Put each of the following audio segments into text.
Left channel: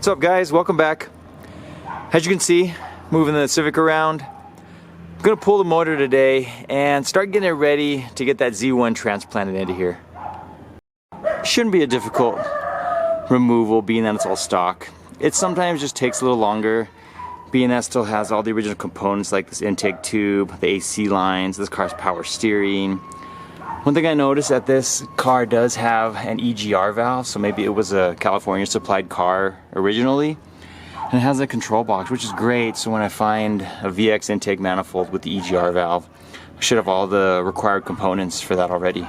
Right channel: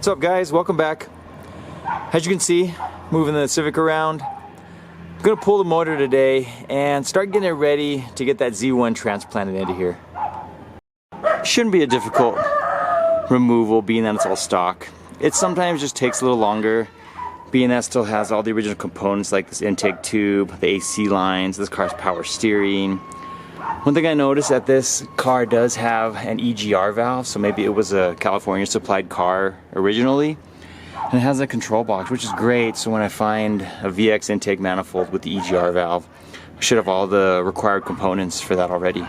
What's up guys, welcome back. As you can see, moving the Civic around. I'm gonna pull the motor today and start getting it ready to get that Z1 transplanted into here. Shouldn't be a difficult removal being that it's all stock. It sometimes just takes a little longer being that it still has all the original components like this intake tube, the AC lines, this car's power steering. One thing I noticed that this car does have an EGR valve, so maybe it was a California supplied car originally. And it has a control box, which is great, so when I find a VX intake manifold with the EGR valve, I should have all the required components for that already.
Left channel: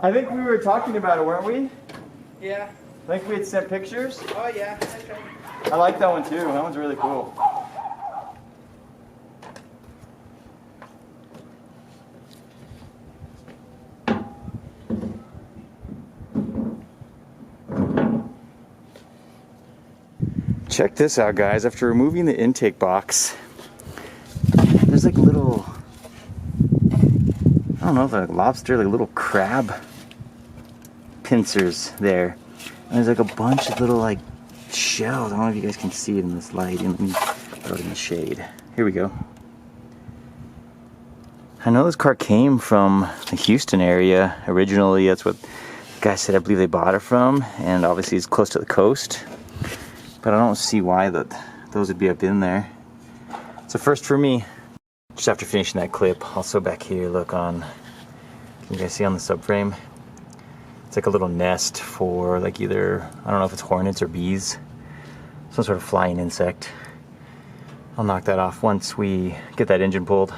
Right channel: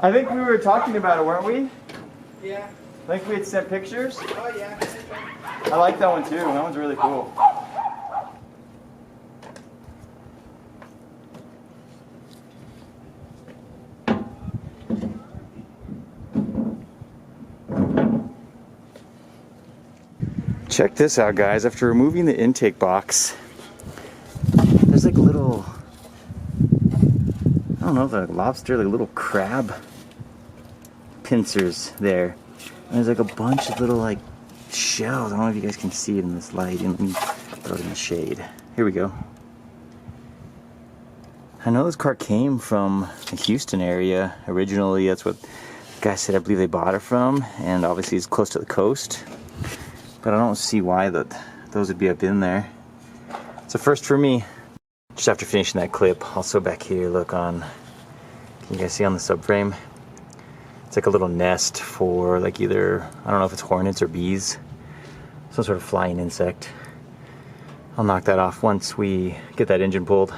I think we were talking about it, weren't we? Yeah. I think we had sent pictures. Oh yeah. I like that one too. That one's really cool. Check this out, guys. After removing the intake box, there's like a little, I don't know, the lobster, like little crab pincers there. And there's like a bunch of little like shells. I don't know if you guys can see it in this light. Let me throw it in the shade. Here we go. I know this car came from the Houston area originally. That's what the guy said. I believe they bought it from, and obviously it's close to the coast. But I don't see why those would be up in there. It's a first for me. Just after finishing that clip, also back here, look on. Can you guys see on the subframe? It's like a little nest for like either, I don't know if it's hornets or bees. Some sort of flying insect. I'll knock that off once we get that engine pulled.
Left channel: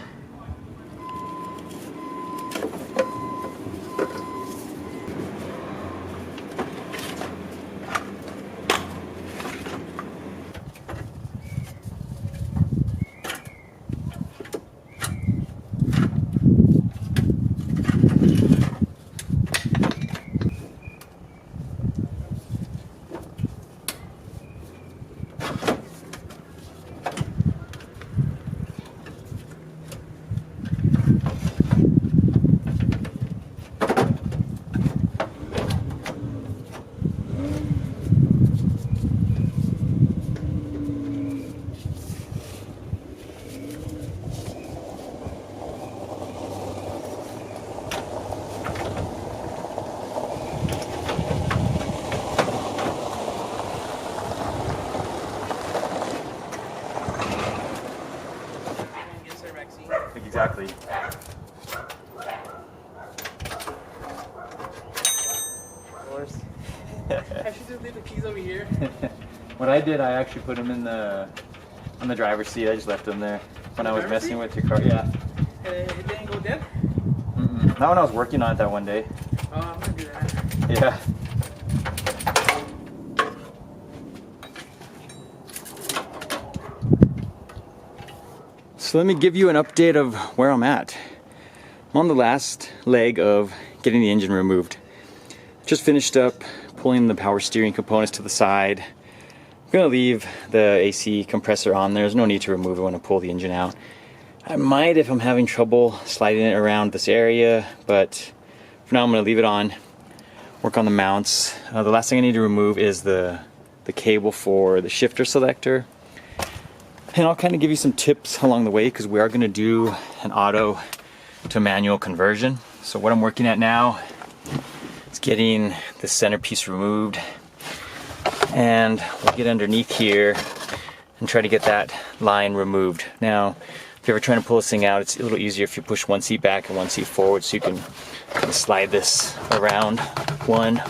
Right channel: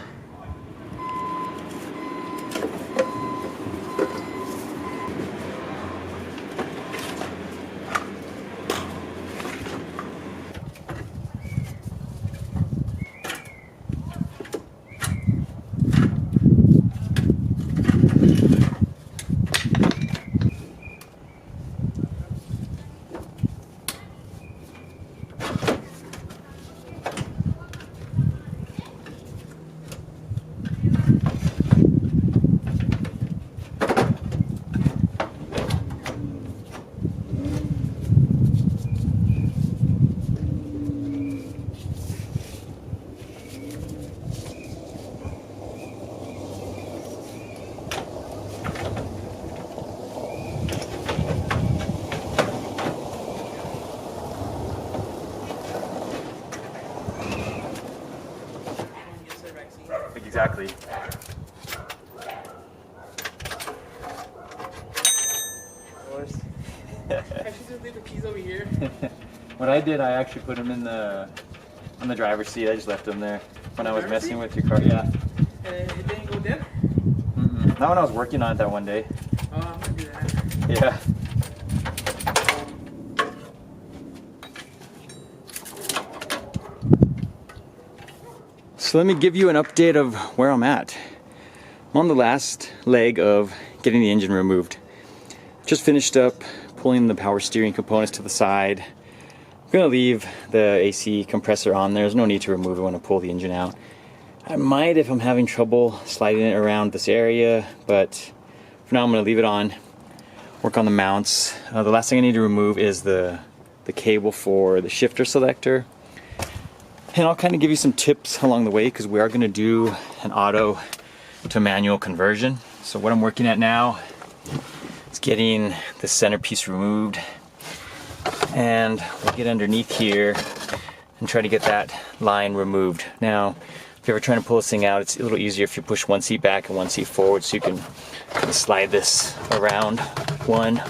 Exactly. Of course. I should just leave the keys over here. What I did, I actually put them in on the driver's seat. I just left them there when I was messing with your car. Yeah. It didn't go dead? Not when I was working on it that one day. Oh, I'm gonna do that. Yeah. So let me give you an update of where I'm at. I'm on the last leg of getting the engine removed. Just finished up pulling the power steering components to the side. I'm gonna leave the AC compressor on there. There's no need to remove it when I pull the engine out. I might if I'm having trouble sliding it around this area, but for now I'm gonna leave it on, work on the mounts. The last thing I need to remove is the cable for the shifter selector. And I'll kind of give you some tips along the way because we are going to do an auto to manual conversion. So what I'm working at now is getting the centerpiece removed, and we'll get underneath here and try to get that line removed. Now, if you're ever trying to pull this thing out, it's a little easier if you push one seat back and one seat forward, so you can kind of slide this around one.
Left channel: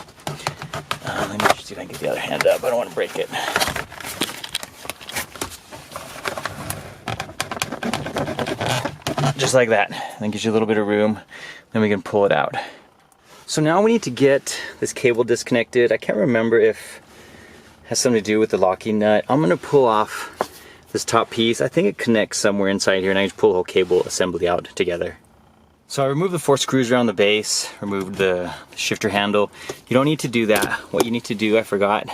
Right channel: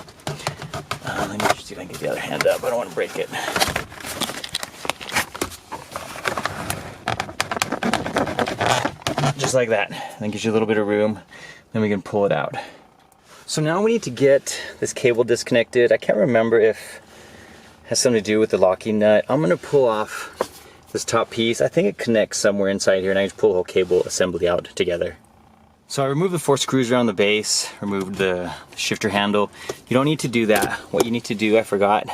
Let me just see if I can get the other hand up. I don't want to break it. Just like that. That gives you a little bit of room. Then we can pull it out. So now we need to get this cable disconnected. I can't remember if it has something to do with the locking nut. I'm gonna pull off this top piece. I think it connects somewhere inside here, and I just pull the whole cable assembly out together. So I removed the 4 screws around the base, removed the shifter handle. You don't need to do that. What you need to do, I forgot,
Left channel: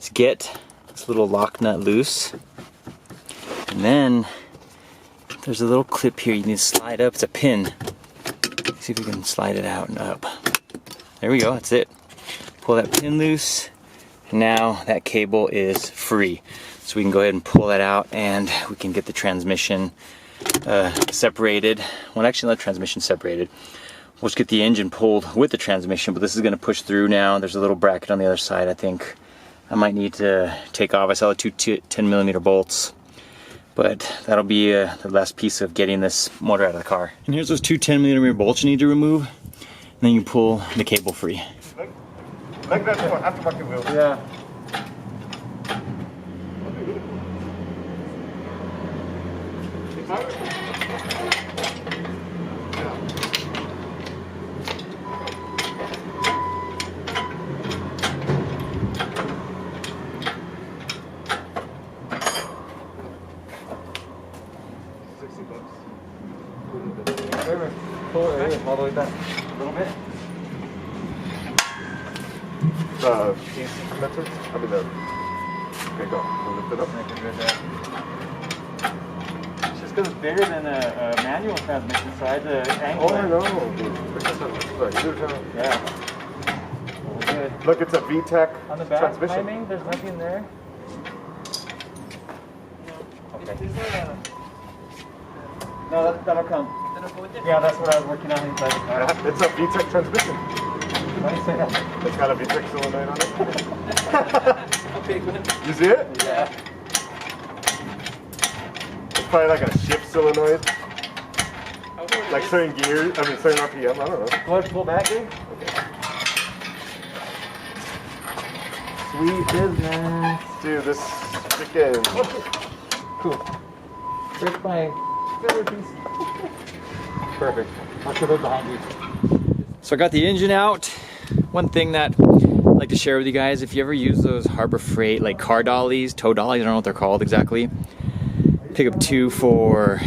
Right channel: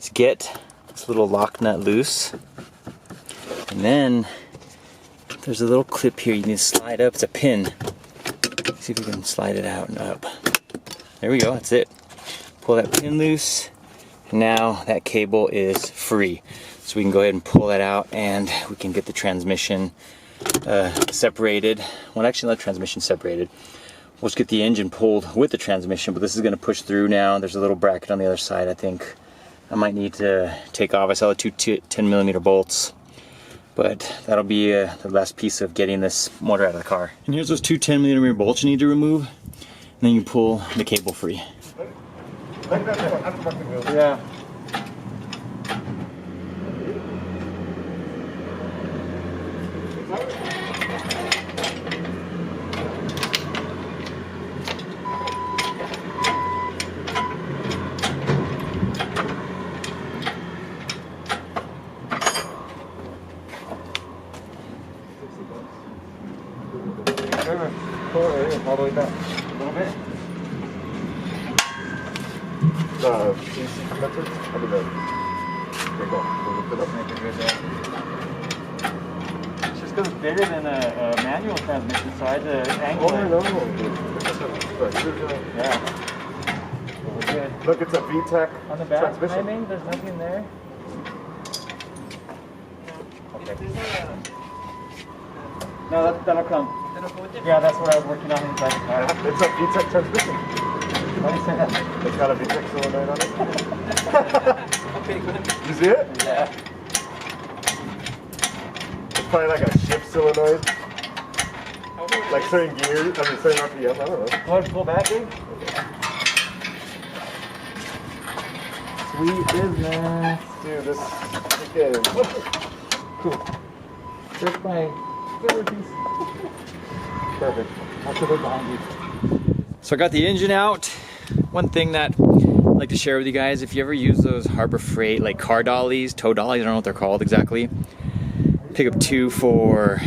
is get this little lock nut loose. And then there's a little clip here you need to slide up. It's a pin. Let's see if we can slide it out and up. There we go, that's it. Pull that pin loose. And now that cable is free. So we can go ahead and pull that out and we can get the transmission separated. Well, actually not the transmission separated. We'll just get the engine pulled with the transmission, but this is gonna push through now. There's a little bracket on the other side. I think I might need to take off. I saw the two 10mm bolts, but that'll be the last piece of getting this motor out of the car. And here's those two 10mm bolts you need to remove, and then you pull the cable free. Like that aftermarket wheel. Yeah. Pull it all the way back. A little bit. The AC condenser? I mean the... There you go. We'll lift it up. Make it good there. It's just because it's bigger than a manual transmission, so I had to angle Oh, it. no. Yeah. We're good. Look, it's a VTEC On the back transmission. timing, there's nothing there. Okay. No, that'll come. Yeah, that's what I was working on inside the car. It's a VTEC transmission. Why do you say that? It's got a VTEC solenoid on it. Okay, good. You see it? Yeah. It's probably like a shift solenoid. How old is Like it? certain gears, I mean certain RPM, I don't know. Go ahead and pull back, dude. Sweet business. Dude, this freaking... Cool. Here's my favorite piece. Perfect. I'll put it behind you. So I got the engine out. One thing that I'd like to share with you guys, if you ever use those Harbor Freight like car dollies, tow dollies, I don't know what they're called exactly. Pick up two for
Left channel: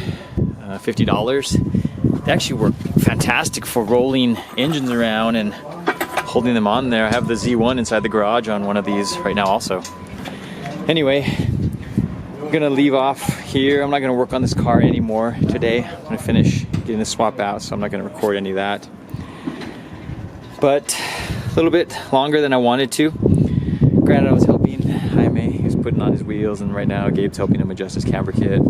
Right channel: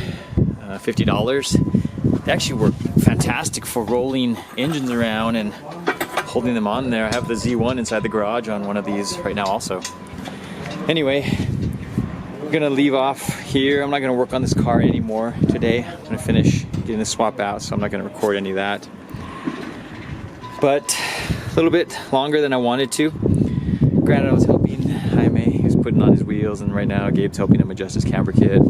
$50. They actually work fantastic for rolling engines around and holding them on there. I have the Z1 inside the garage on one of these right now also. Anyway, I'm gonna leave off here. I'm not gonna work on this car anymore today. I'm gonna finish getting the swap out, so I'm not gonna record any of that. But a little bit longer than I wanted to. Granted, I was helping Jaime. He was putting on his wheels, and right now Gabe's helping him adjust his camber kit.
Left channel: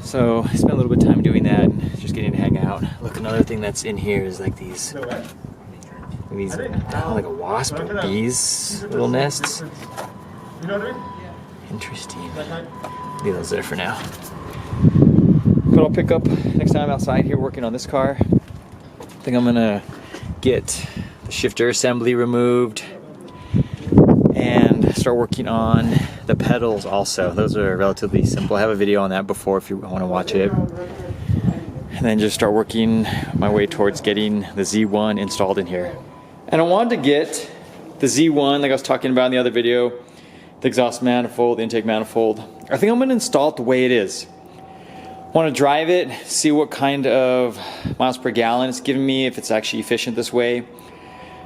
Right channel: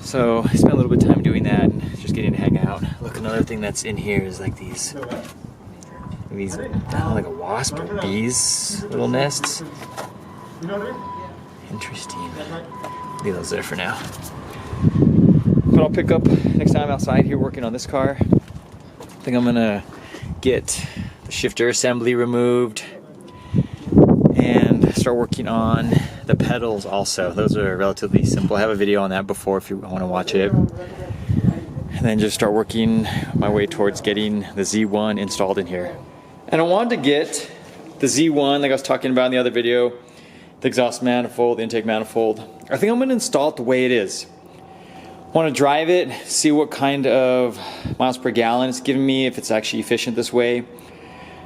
So I spent a little bit of time doing that and just getting to hang out. Look, another thing that's in here is like these I don't know, like a wasp or bees little nests. Interesting. Leave those there for now. But I'll pick up next time outside here working on this car. I think I'm gonna get the shifter assembly removed and start working on the pedals also. Those are relatively simple. I have a video on that before if you want to watch it. And then just start working my way towards getting the Z1 installed in here. And I wanted to get the Z1 like I was talking about in the other video, the exhaust manifold, the intake manifold. I think I'm going to install it the way it is. I want to drive it, see what kind of miles per gallon it's giving me, if it's actually efficient this way.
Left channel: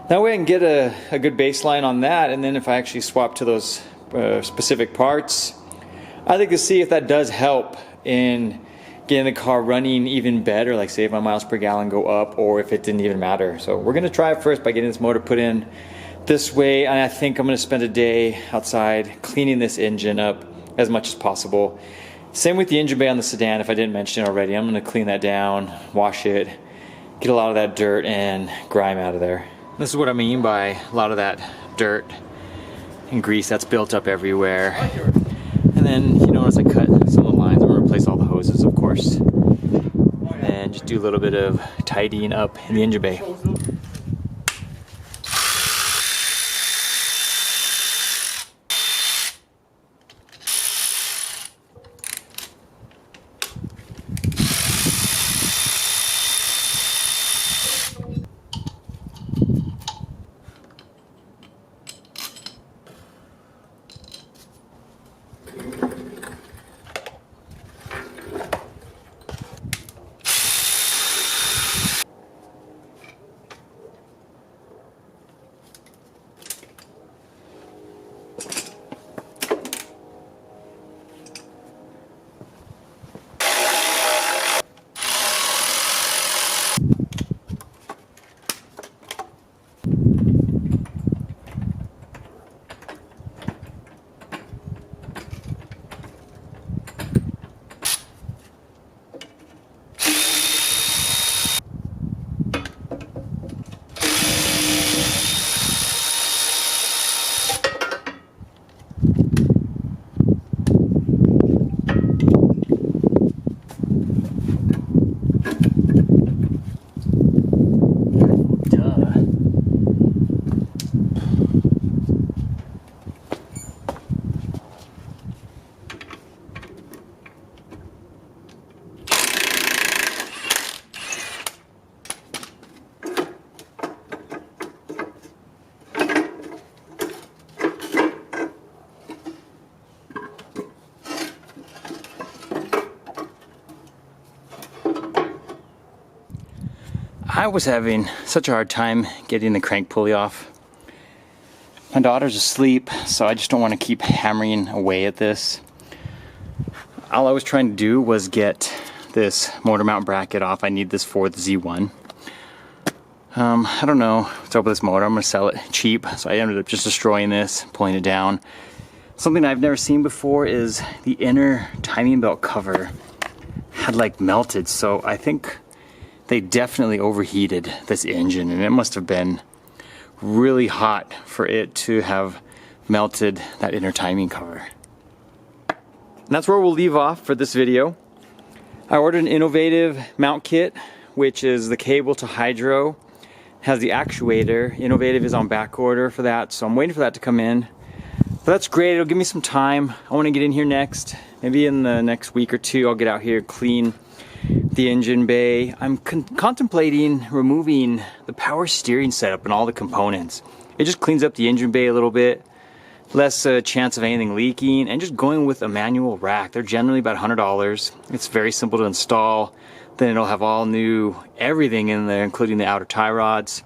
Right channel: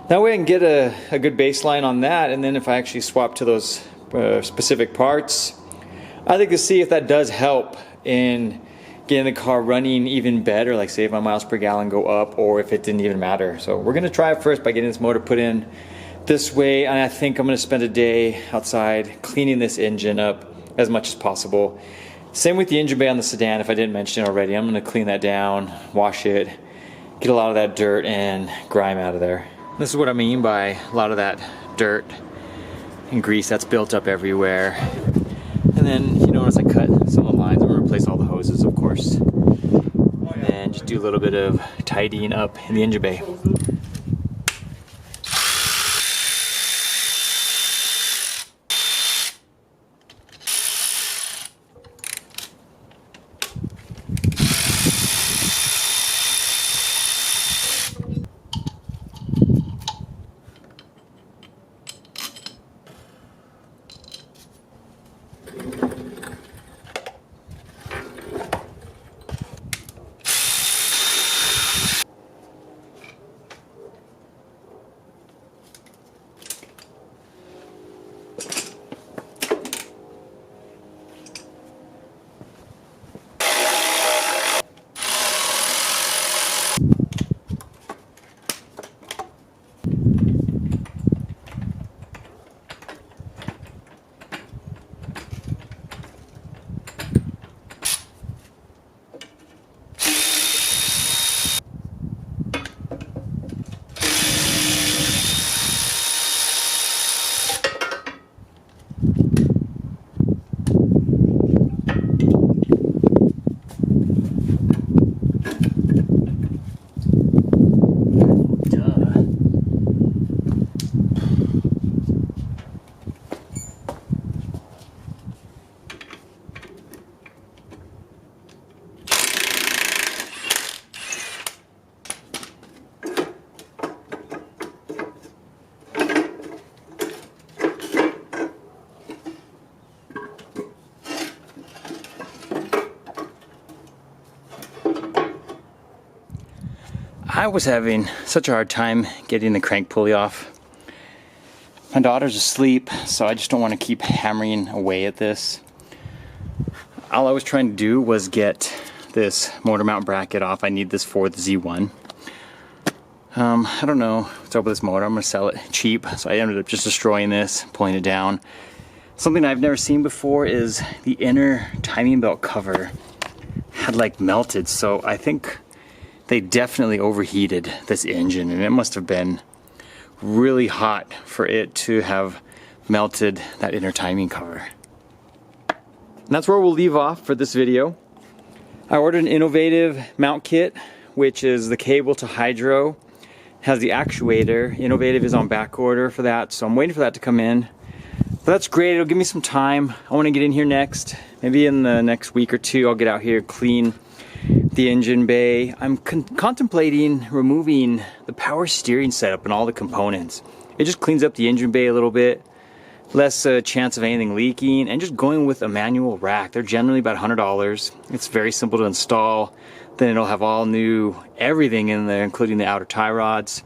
That way I can get a good baseline on that, and then if I actually swap to those specific parts, I'd like to see if that does help in getting the car running even better, like say if my miles per gallon go up or if it didn't even matter. So we're going to try it first by getting this motor put in this way, and I think I'm going to spend a day outside cleaning this engine up as much as possible. Same with the engine bay on the Sedan, if I didn't mention it already. I'm going to clean that down, wash it, get a lot of that dirt and grime out of there. This is what I mean by a lot of that dirt and grease that's built up everywhere. And then you notice I cut some of the lines. I'm going to replace all the hoses, of course. And then just do a little bit of tidying up in the engine bay. I was having such a hard time getting the crank pulley off. My daughter's asleep, so I just don't want to keep hammering away at this. All I was trying to do was get this motor mount bracket off. I need this for the Z1. I don't know what's up with this motor. I'm going to sell it cheap, so I ended up just destroying this, pulling it down. Something I've never seen before is the inner timing belt cover had like melted, so I think they definitely overheated this engine, and it must have been really hot for it to have melted that inner timing cover. And that's where we'll leave off for this video. I ordered an innovative mount kit, which is the cable to hydro, has the actuator. Innovative is on back order for that, so I'm waiting for that to come in. But that's great, it'll give me some time. I want to get in here next, maybe in the next week or two. I'll get out here, clean the engine bay. I'm contemplating removing the power steering setup and all the components. It just cleans up the engine bay a little bit, less chance of anything leaking, and just going with a manual rack. They're generally about $100. It's very simple to install. Then it'll have all new everything in there, including the outer tie rods.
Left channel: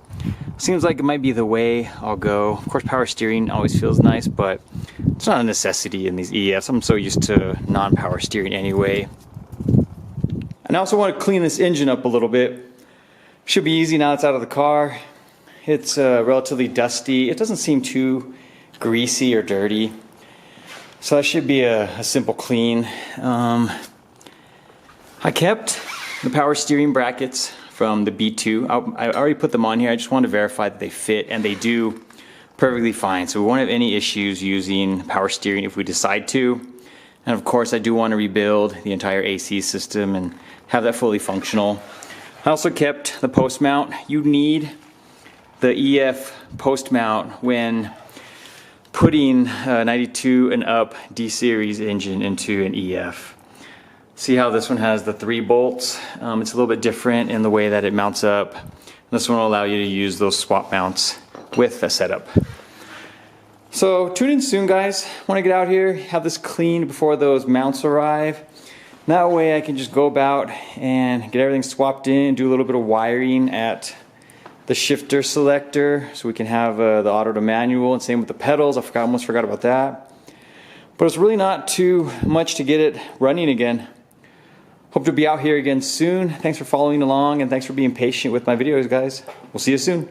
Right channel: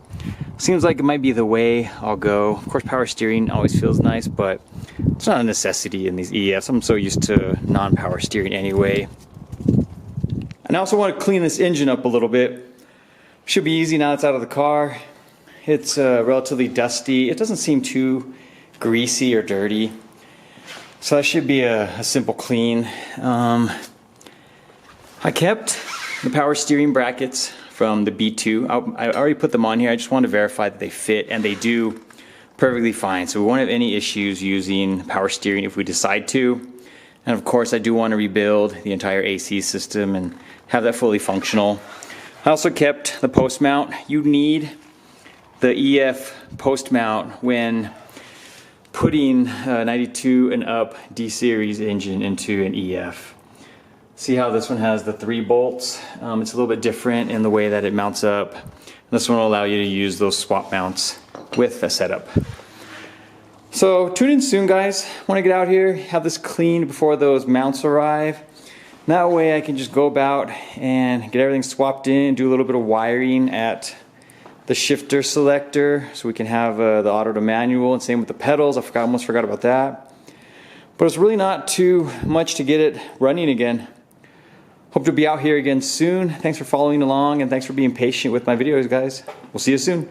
Seems like it might be the way I'll go. Of course, power steering always feels nice, but it's not a necessity in these EFs. I'm so used to non-power steering anyway. And I also want to clean this engine up a little bit. Should be easy now it's out of the car. It's relatively dusty. It doesn't seem too greasy or dirty. So that should be a simple clean. I kept the power steering brackets from the B2. I already put them on here. I just wanted to verify that they fit, and they do perfectly fine. So we won't have any issues using power steering if we decide to. And of course, I do want to rebuild the entire AC system and have that fully functional. I also kept the post mount. You need the EF post mount when putting 92 and up D-series engine into an EF. See how this one has the 3 bolts? It's a little bit different in the way that it mounts up. This one will allow you to use those swap mounts with the setup. So tune in soon, guys. Want to get out here, have this cleaned before those mounts arrive. That way I can just go about and get everything swapped in, do a little bit of wiring at the shifter selector so we can have the auto to manual, and same with the pedals. I almost forgot about that. But it's really not too much to get it running again. Hope to be out here again soon. Thanks for following along, and thanks for being patient with my videos, guys. We'll see you soon.